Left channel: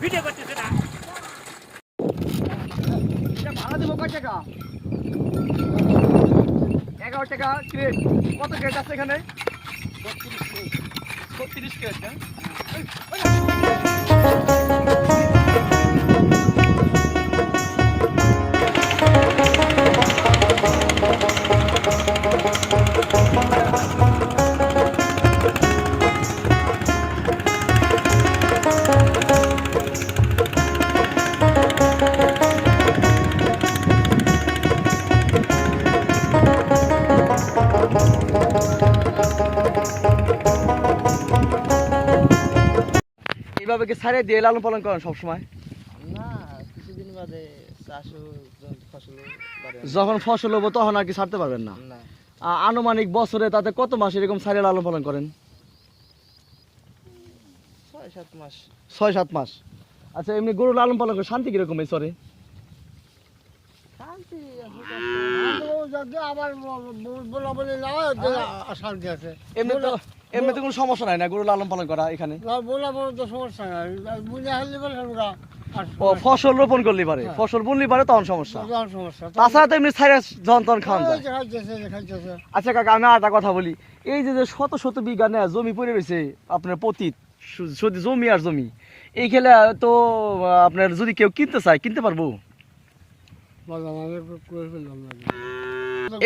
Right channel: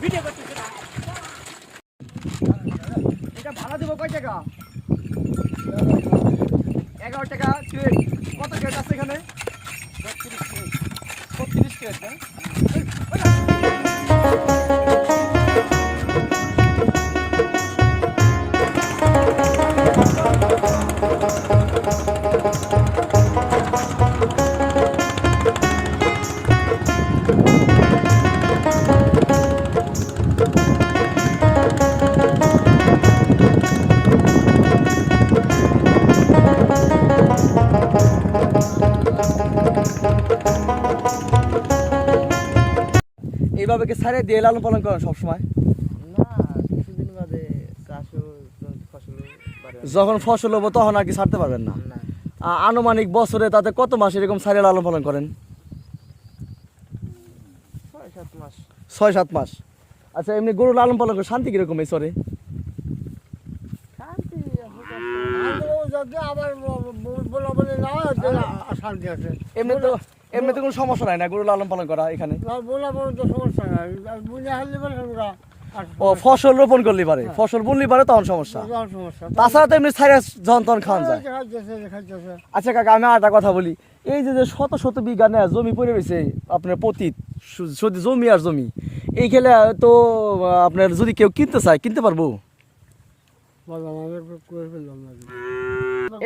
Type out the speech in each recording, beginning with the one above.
Video করতেছে না ভাড়া দেবো কয় টাকা 11 টাকা ক্রেট কত ক্রেট আছে এখানে 36 ক্রেট এইভাবে কি সারে দিয়ে লালন পালন করেন সবসময়? না, কিছুদিন বাদে চাষও ফসল যখন ফসল হবো তখন আর কি ছাড়তে পারবেন না? না, আনুমানিক বছরে তাতে কত মাস এরকম সারে লালন পালন করেন? 6-7 মাস। 6-7 মাস। আচ্ছা, এমনি গরু লালন পালন করে শান্তি কিরকম এই চরে? শান্তি আবার বলে না শান্তি আছে এমনি তো কোনো সমস্যা নাই না গরু লালন পালন করা এখানে? বলা বলে তো সমস্যা নাই বুঝে হারলে বলে ও ফসল রোপণ করলে পারে, ফসল বুনলে পারে তখন সমস্যা। সমস্যা তাছাড়া তো এমনি সাইরাস যখন তখন খাওয়া যায়। খাইতেছে আচ্ছা কাকা, আমি আর একটা কথা বলি, এই যে শত শত বিঘা না জমি পড়ে রয়েছে আপনার পতিত শুধু জমি আর জমি, এই খেলে তো আপনার যদি কেউ কিনতে চায় কিনতে পারবো?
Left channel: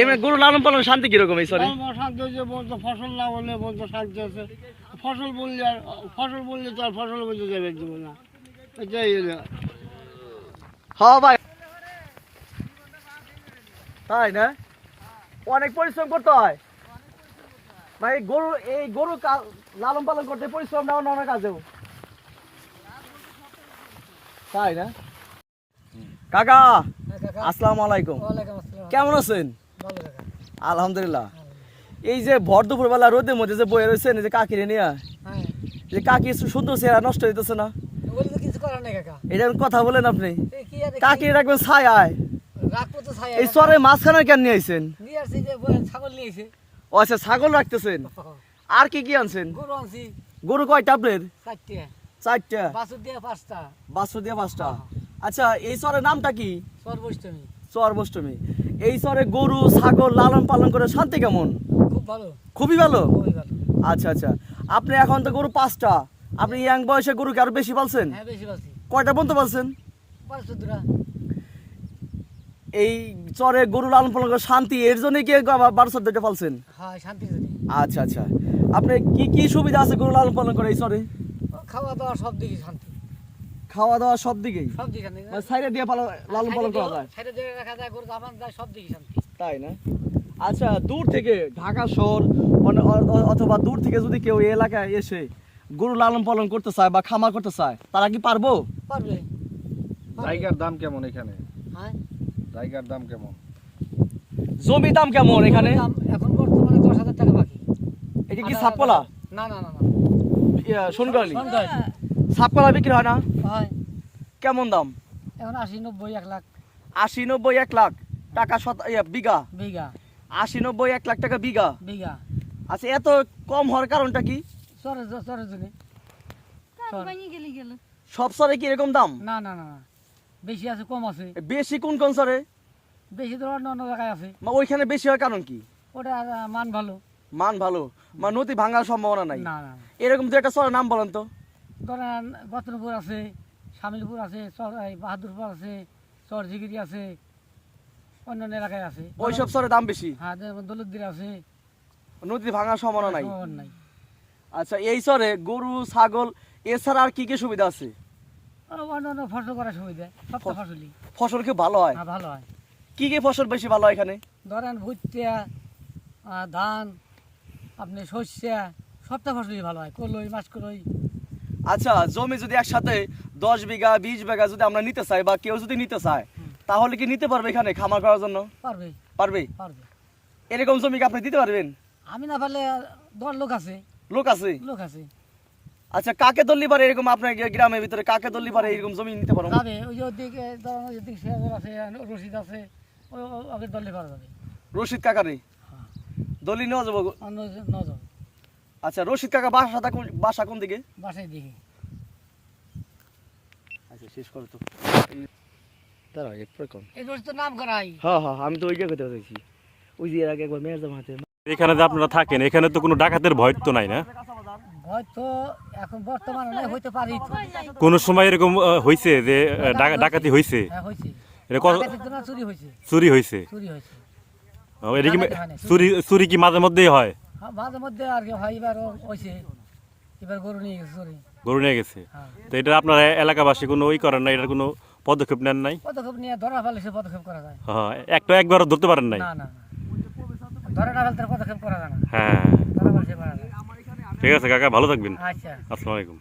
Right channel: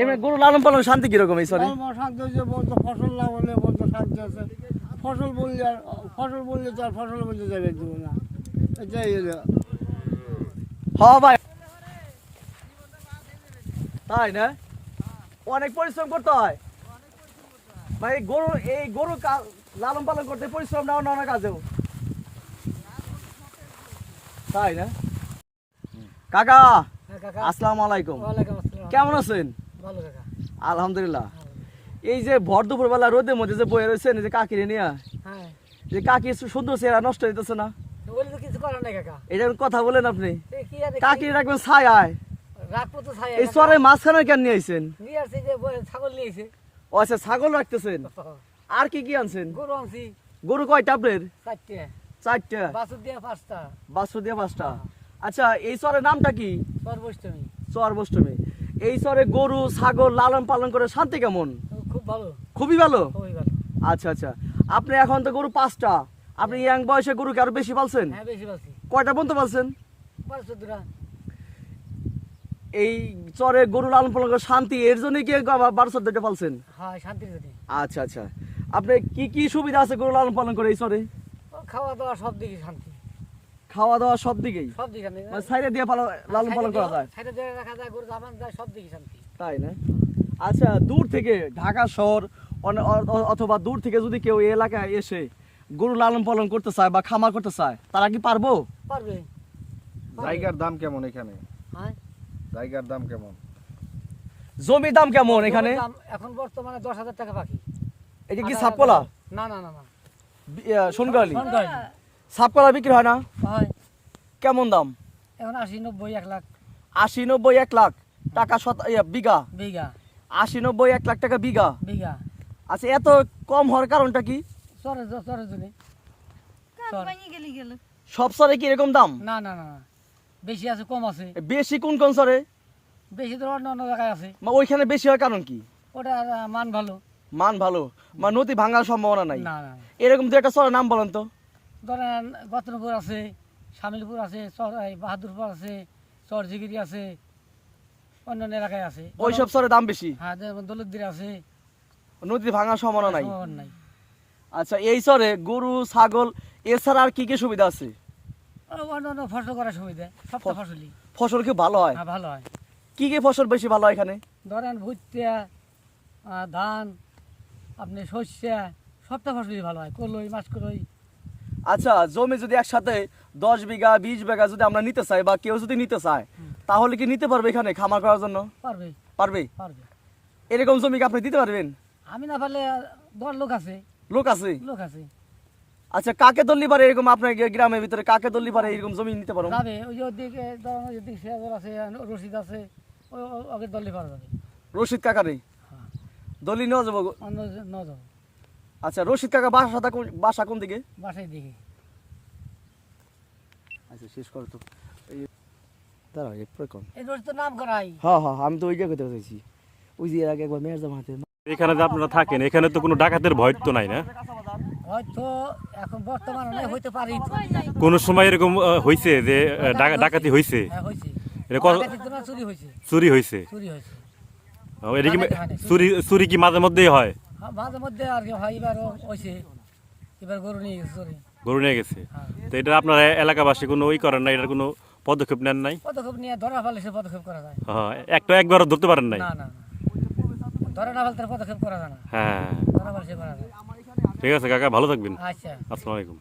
এমনি গরু লালন পালন শান্তি কিরকম এই সরি? শান্তি হচ্ছে বলতো ফসল না হলে বলতো শান্তি আছে, ফসল বললে আর তো আর ফসল বলতে যাবে দেবো না, এটাই হলো। হ্যাঁ ভাই, তাই না? অনেক পরিশ্রম করতে হয় ভাই, এই গরু লালন পালন করতে পরিশ্রম নাও না কাজেও, তাই না? কাকা আসসালামু আলাইকুম, কেমন আছেন? আলহামদুলিল্লাহ। এই যে ভর দুপুর বেলা রোদের মধ্যে যে বয়ে রয়েছেন এই যে কাকিরে নিয়ে, যে কাকি সুন্দর চেহারা নষ্ট হইতেছে না? এটা কথা বলেন আপনি, কাকি রাখবেন ছায়ায়, এই চরের মাঝখানে কেন নিয়ে আইছেন? ও আচ্ছা, ছাগল রাখতেছেন। আর কি কি আনছেন? গরু কয়টা আপনার? 4টা। বাছুর দিয়ে 5টা। আচ্ছা, এই চরের নামটা কি? চর বৈষ্টমী। এই চরে গরু ছাগল লালন পালন করে শান্তি কেমন? খুবই ভালো। আচ্ছা আচ্ছা, আপনি এখন তো গরু 5টা, আপনি ইয়াং বয়সে গরু কি আরো বেশি পালছেন? কয়টা পর্যন্ত পালছেন? এই চরে গরু লালন পালন করে শান্তি, এর জন্য কি 12-14টা পালছেন? আচ্ছা আচ্ছা, আপনি কি কি সুবিধা আছে গরু লালন পালন করে এই চরে? খাওয়া দাওয়া সব দিকে শান্তি, খাওয়া দাওয়া সব দিকেই সাইডে দিয়ে লালন পালন করা যায়, সব দিকে শান্তি, তাই না? আচ্ছা, দূর থেকে ঢাকা শহর অথবা দূর থেকে যদি কেউ এই এলাকায় এসে গরু লালন পালন করতে চায় বা খামার করতে চায়, তারা কি পারবো? পারবে। জায়গার দাম কেমন এখানে? হ্যাঁ, জায়গার দাম কেমন? জমির দাম কেমন এখানে? এখন বর্তমানে 10,000 টাকা বাকি। এটা কি সাতকলা? না না না না, সোনগালি সাতকলা বিক্রি হয় না? হয়। কেমন দাম? এখন 80-90 1 লাখ। 80-90 1 লাখ টাকা বিঘা? বিঘা 80-90 1 লাখ টাকা বিঘা? বিঘা। আচ্ছা, এত কম হওয়ার কারণটা কি? চরের জন্য। সব চরে কি এরকম দাম? না না না, বেশি আছে কম আছে। বেশি কোন কোন চরে? বেশি তো অন্য অন্য জায়গায় আছে। ওইখানে বেশি হয় কারণ কি? ওটা মান ভালো। মান ভালো, মানে নদী ভাঙার সম্ভাবনা নাই? না না, এরকম দু একটা চরের নাম বলেন তো। ধরেন গতনপুর আছে, শামিলপুর আছে, বাহাদুরপুর আছে, চরজিগিরি আছে, অন্যান্য এলাকায় আছে। ওইসব চরে দাম বেশি? হ্যাঁ, দৌলতদির আছে, নদী ভাঙার সম্ভাবনা নাই। নাই। আচ্ছা, এই চরে গরু ছাগল এছাড়া আর কি কি সুবিধা আছে? অন্য অন্য ফসল করার সুবিধা, সবটা ফসলই। ফসল কি ভালো হয়? হ্যাঁ, ভালো হয়। কি কি ফসল বেশি ভালো হয় এখানে? ধরেন ভুট্টা, ধান, আপনি সর্ষে, সবটা ফসলই ভালো হয়। কলই, মাসকলই। আচ্ছা, জমি যদি একসাথে 10 বিঘা 20 বিঘা যদি আমরা নিতে চাই বা কেউ যদি নিতে চায়, তাহলে কি নিতে পারবে এখানে খামার করার জন্য? পারবে। পারবে? পারবে। এরকম জমি কি আপনি দিতে পারবেন? আমি না পারলে 10 লোক আছে। লোক আছে? লোক আছে। আচ্ছা, কাকে দল্লি পারে এরকম আপনার গ্রামের ভিতরে কাকে দল্লি পারে এরকম জমি নিতে পারেন? যাবে, ওই যে ওদিকে ধরেন ওদিকে শেয়ার আছে, রশিদ আছে, ওকে দল্লি পারা যাবে। রশিদ কাকারে? হ্যাঁ। দলি নেওয়া যাবো। অন্য ন যাব আচ্ছা রশিদ কাকা বাসা কোন দিকে? বাসায় দেখি আচ্ছা শেষ করো তো। দাঁড়া এরপরে কম। এই রোজ তো নাম করাই। হ্যাঁ হ্যাঁ আমি তো ওই জায়গাতে চাইছি, ওই যে এর আগে একবার মেয়ের জামাতে। এখানে যে আপনারা থাকেন এখানে তো কোনো ডাকাতের ভয় তো নাই না? হয়তো এখন বর্তমানে নাই, হইতে পারি তো। কোনো সময় এরকম হয়েছে যে ডাকাতি হয়েছে? হ্যাঁ হয়েছে, এটা কত ডাকাতি তো না, চুরি হয়েছে। চুরি হয়েছে? চুরি হয়েছে, এটা কি ডাকাতি হয়নি, চুরি চুরি কি মাঝে মধ্যেই হয়? হ্যাঁ মাঝে মধ্যে আর কি হয়। এবারও হয়েছে, এবার গরু নিয়ে গেছে চুরি। গরু নিয়ে গেছে? হ্যাঁ তো এটা আপনারা এলাকাবাসী কোনো ওই করেন না, এটার কোনো পদক্ষেপ নেন নাই? পদক্ষেপ নিয়ে ধরা ফেলেছে, পদক্ষেপ করা যায় হ্যাঁ একবারও ধরতে পারেন নাই? না না না, ধরা না ফেলতে পদক্ষেপ করা যায় না, হ্যাঁ ধরা ফেলছে করা যায়। ঠিক আছে কাকা, ভালো থাকবেন। আচ্ছা। আসসালামু আলাইকুম।